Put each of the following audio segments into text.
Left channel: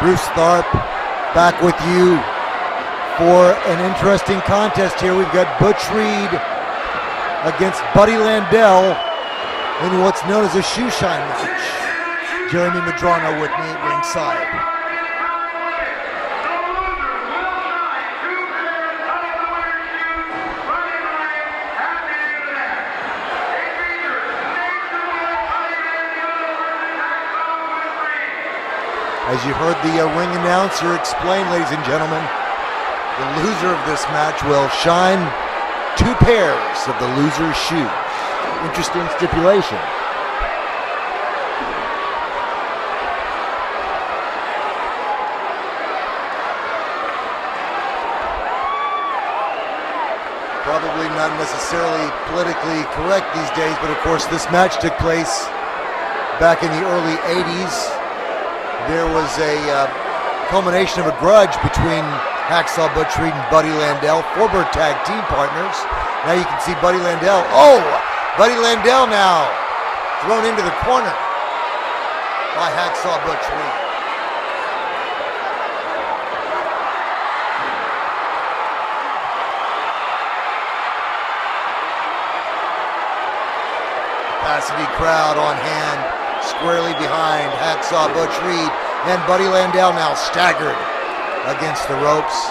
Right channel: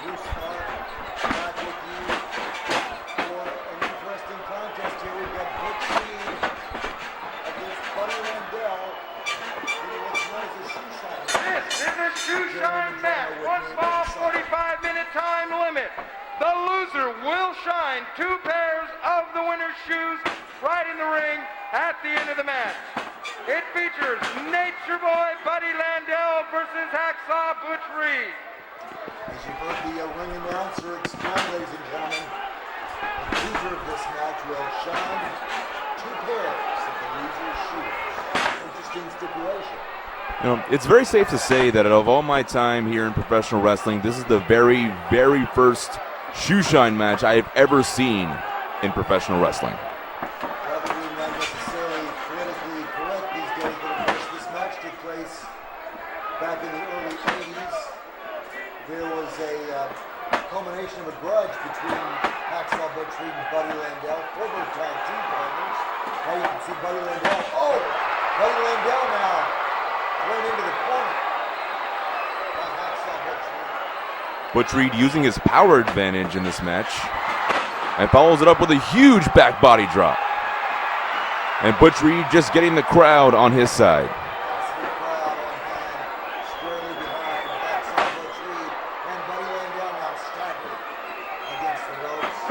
Bruce Tharp back with you for an interesting contest here. We've got Butch Reed against Buddy Landell in what's known as a Shoeshine match. Jeremy Madrano with me at ringside. As you heard the ring announcer explain, ladies and gentlemen, the loser of this match will shine 2 pairs of the loser's shoes. Interesting stipulation. It's very safe to say that of all my time here in professional wrestling, this is the very, very first Shoeshine match I have ever seen in professional wrestling. Probably not necessarily politically correct these days, but of course this match took place back in the early 80s. There was a culmination of a grudge between Hacksaw Butch Reed and Buddy Landell, former tag team partners. Now you can see Buddy Landell. Oh, Buddy Landell now thrown into the corner by Hacksaw Butch Reed. Butch Reed using his power advantage in this match and follows it up with a huge back body drop. And Butch Reed just getting the crowd on his side. Capacity crowd on hand, squarely behind Hacksaw Butch Reed, and Buddy Landell now staggered against the ropes.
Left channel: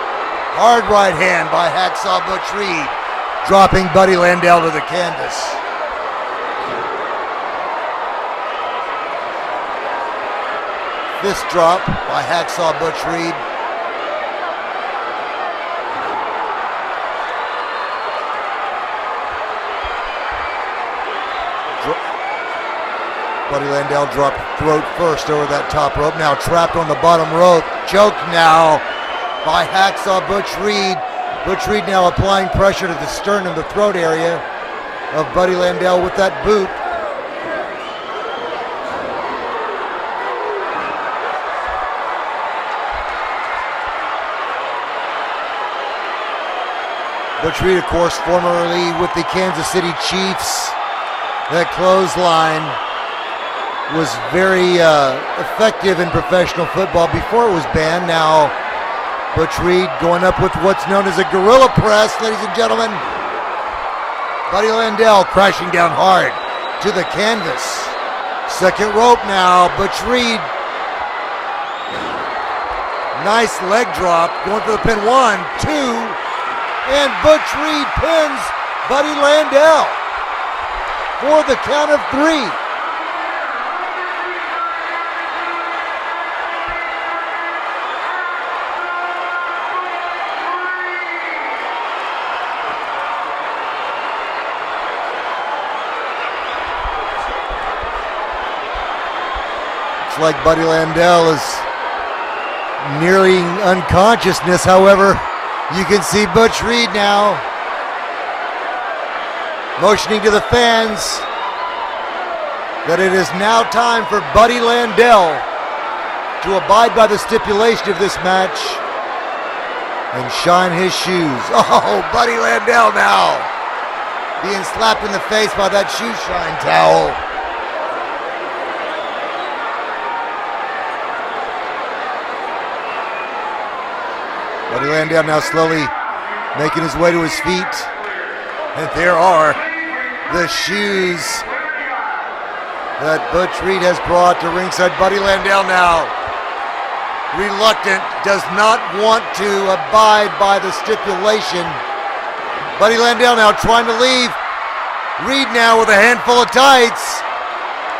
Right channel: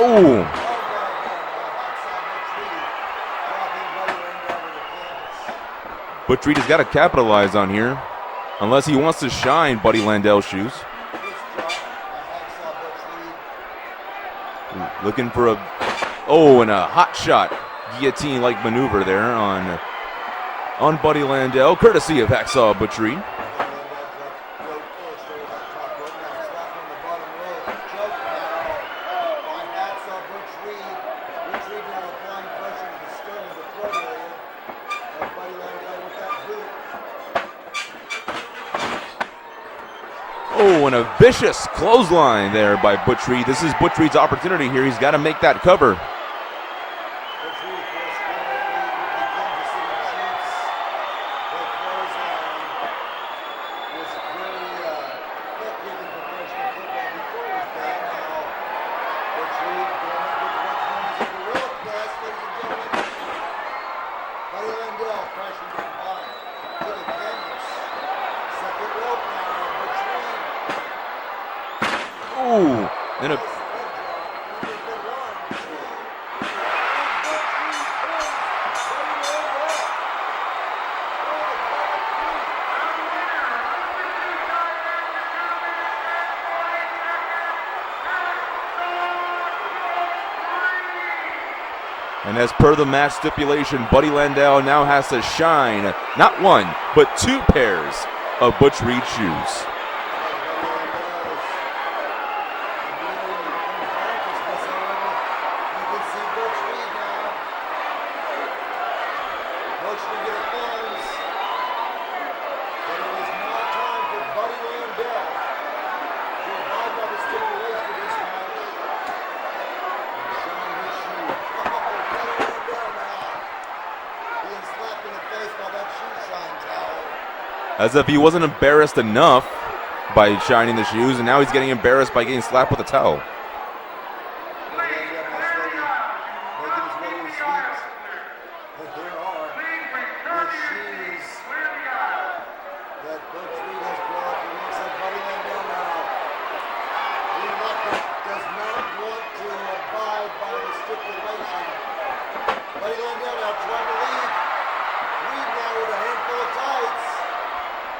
Oh! Hard right hand by Hacksaw Butch Reed, dropping Buddy Landell to the canvas. Butch Reed has got to capitalize on here, unless he wants to shine Buddy Landell's shoes. Fist drop by Hacksaw Butch Reed. Looking for and a hot shot guillotine-like maneuver there on Buddy Landell, courtesy of Hacksaw Butch Reed. Buddy Landell dropped throat first over that top rope, now trapped on the bottom rope. Choke now by Hacksaw Butch Reed. Butch Reed now applying pressure to the sternum, the throat area of Buddy Landell with that boot. Oh, and a vicious clothesline there by Butch Reed. This is Butch Reed's opportunity here. He's got to make that cover. Butch Reed, of course, formerly with the Kansas City Chiefs. That clothesline was very effective in professional football before it was banned. Now, Butch Reed going up with what's known as a gorilla press, ladies and gentlemen. Buddy Landell crashing down hard to the canvas. Second rope now, Butch Reed. Ooh. Nice leg drop, going for the pin. 1, 2, and Butch Reed pins Buddy Landell for the count of 3. And as per the match stipulation, Buddy Landell now has to shine not 1, but 2 pairs of Butch Reed shoes. It's like Buddy Landell is nearing unconsciousness. However, you can see Butch Reed now motioning to the fans that it is now time for Buddy Landell to abide by the stipulation of this match and shine his shoes. Oh, Buddy Landell now being slapped in the face by that Shoeshine towel. As if he wasn't embarrassed enough by shining the shoes, and now he's getting embarrassed by getting slapped with a towel. Buddy Landell now slowly making his way to his feet. And there are the shoes that Butch Reed has brought to ringside. Buddy Landell now reluctant, does not want to abide by the stipulation. Buddy Landell now trying to leave. Reed now with a handful of tights.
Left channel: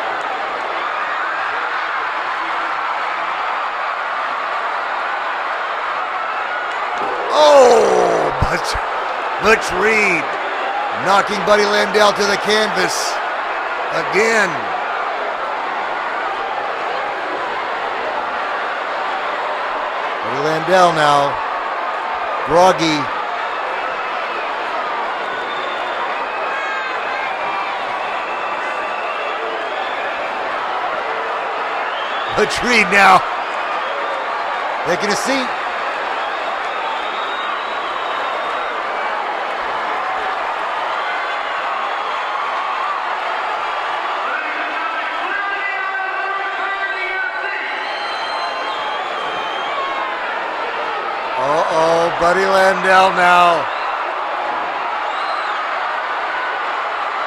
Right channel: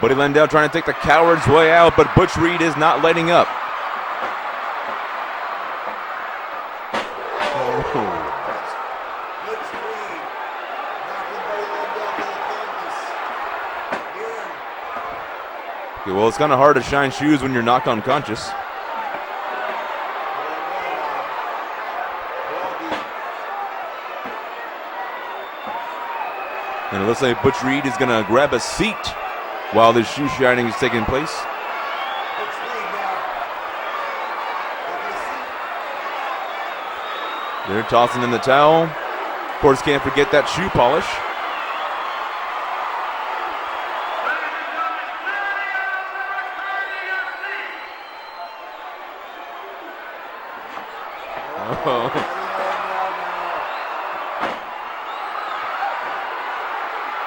Buddy Landell trying to take the coward's way out, but Butch Reed is not letting up. Oh, Butch Reed knocking Buddy Landell to the canvas again. Okay, well, it's kind of hard to shine shoes when you're knocked unconscious. Buddy Landell now, groggy. And it looks like Butch Reed is going to grab a seat while this shoe shining is taking place. Butch Reed now taking a seat. They're tossing in the towel. Of course, can't forget that shoe polish. Buddy Landell now.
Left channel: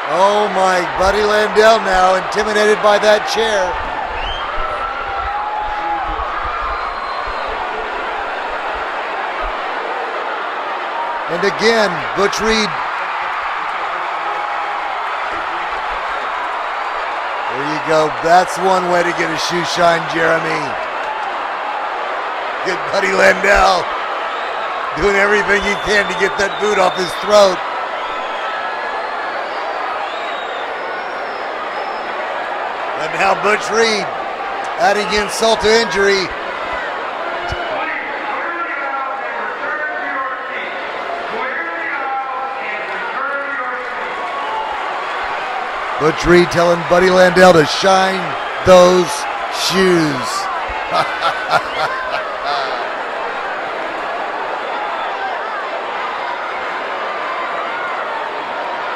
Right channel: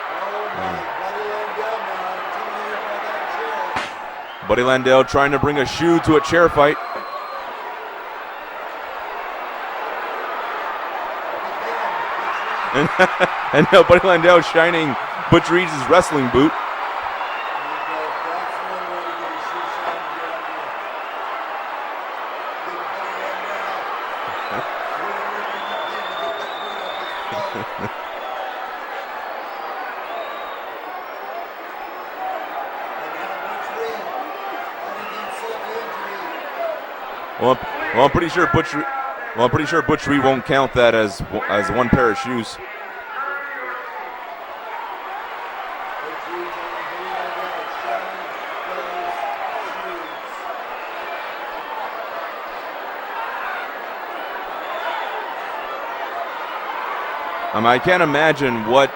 Oh my, Buddy Landell now intimidated by that chair. Buddy Landell trying to bring a shoe to a chair fight. And again, Butch Reed. And now Buddy Landell shining Butch Reed's wrestling boot. There you go. That's one way to get a shoe shine, Jeremy. Get Buddy Landell doing everything he can to get that boot off his throat. And now Butch Reed adding insult to injury. Well, I'm pretty sure Butch Reed won't count that as one pair of shoes. Butch Reed telling Buddy Landell to shine those shoes. I can't imagine what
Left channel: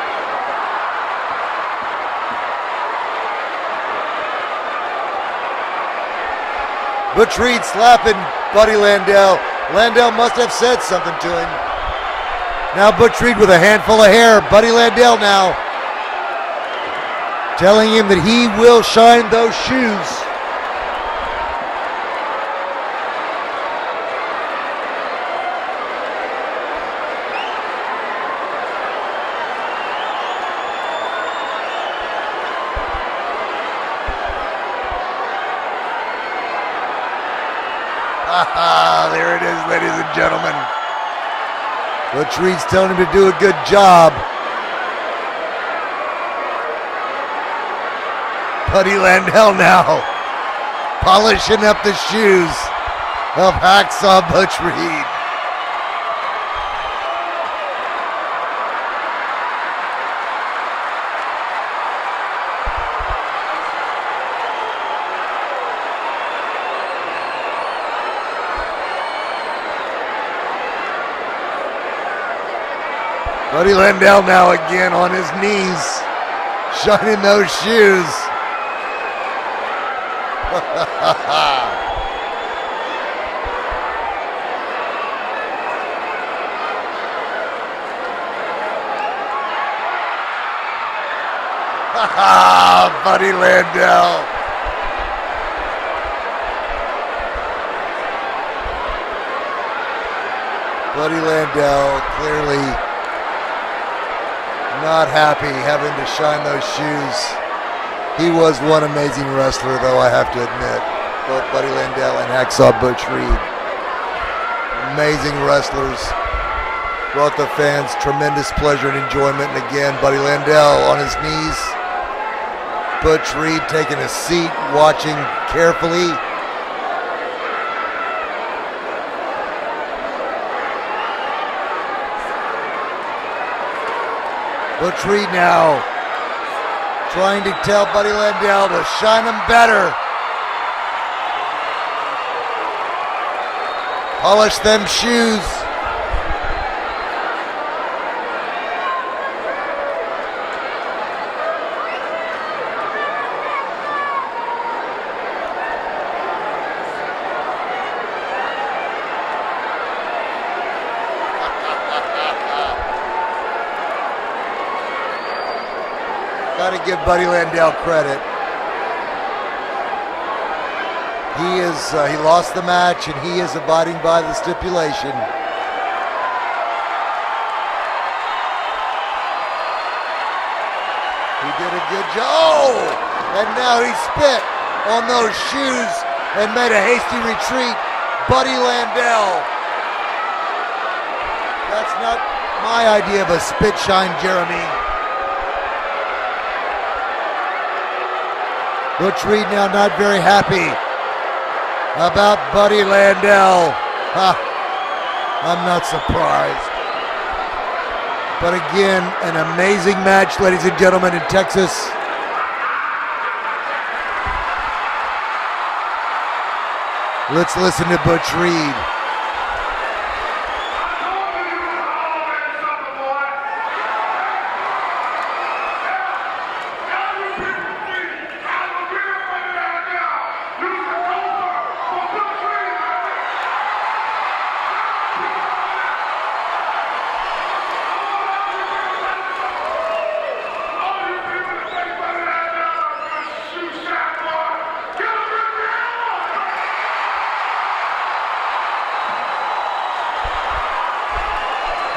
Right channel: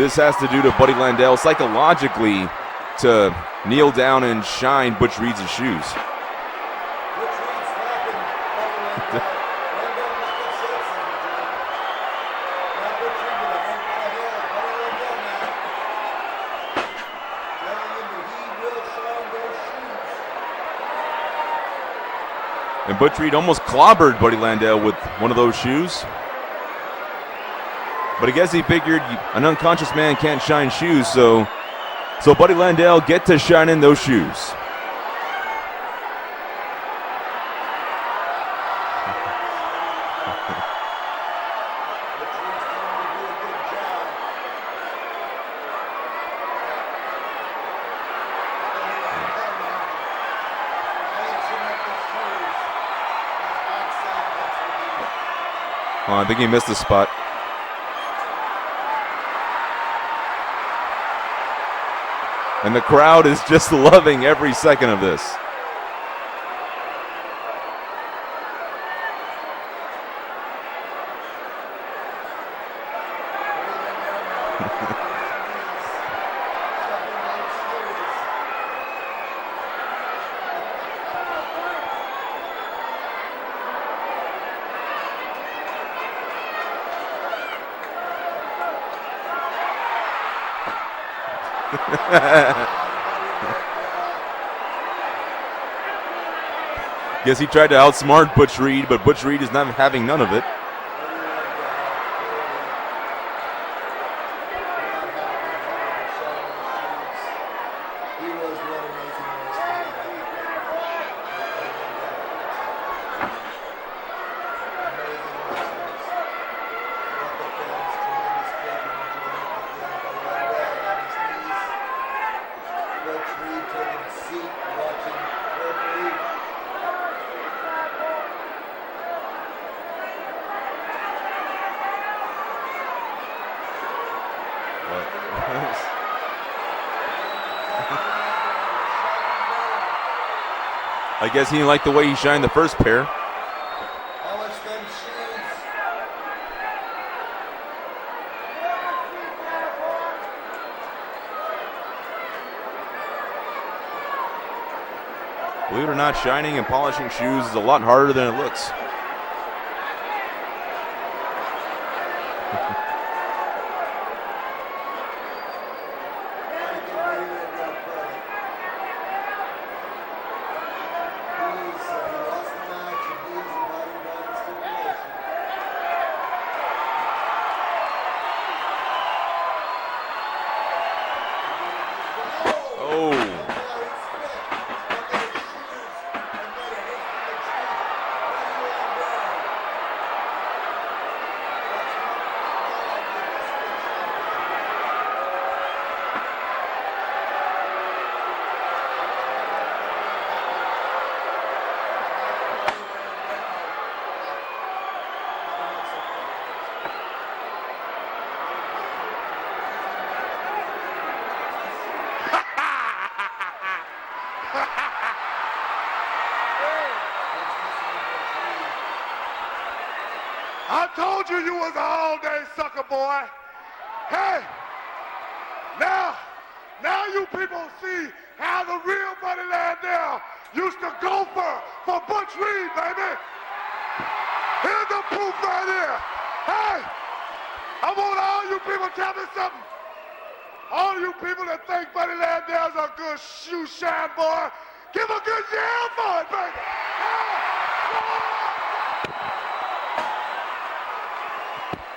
this has to do to Buddy Landell psychologically to kneel down and shine Butch Reed's shoes. Butch Reed slapping Buddy Landell. Landell must have said something to him. Now Butch Reed with a handful of hair. Buddy Landell now telling him that he will shine those shoes. And Butch Reed almost clobbered Buddy Landell with one of those shoes. But I guess he figured an unconscious man can't shine shoes, so Buddy Landell get to shine in those shoes. There it is, ladies and gentlemen. Butch Reed's telling him to do a good job. Buddy Landell now polishing up the shoes of Hacksaw Butch Reed. Oh, I think he missed a spot. And the crowd is just loving every second of this. Buddy Landell now again on his knees, shining those shoes. Buddy Landell. Guess he tried to outsmart Butch Reed, but Butch Reed is not having none of it. Buddy Landell clearly not happy having to shine those shoes. He was one amazing wrestler, though, I have to admit. Both Buddy Landell and Hacksaw Butch Reed. Amazing wrestlers. Brought the fans tremendous pleasure and enjoyment. And again, Buddy Landell on his knees. Butch Reed taking a seat, watching carefully. Butch Reed now trying to tell Buddy Landell to shine them better. I guess he didn't like the way he shined the first pair. Polish them shoes. Believe it or not, shining and polishing shoes is a lot harder than it looks. Got to give Buddy Landell credit. He lost the match, and he is abiding by the stipulation. He did a good job. Oh! And now he spit on those shoes and made a hasty retreat. Buddy Landell. That's not my idea of a spit shine, Jeremy. Butch Reed now not very happy about Buddy Landell. I'm not surprised. But again, an amazing match, ladies and gentlemen, in Texas. Let's listen to Butch Reed. I told you you was a holiday sucker, boy. Hey, now you people see how the real money down there used to go for Butch Reed, baby. Here's the proof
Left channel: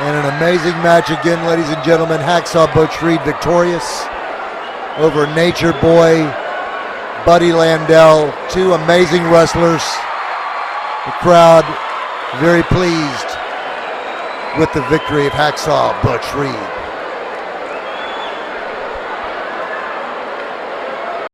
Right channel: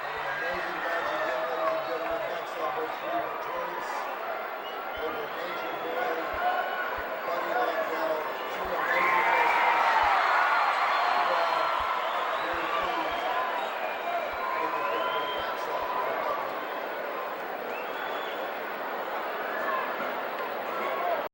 And an amazing match again, ladies and gentlemen. Hacksaw Butch Reed victorious over Nature Boy, Buddy Landell. Two amazing wrestlers. The crowd very pleased with the victory of Hacksaw Butch Reed.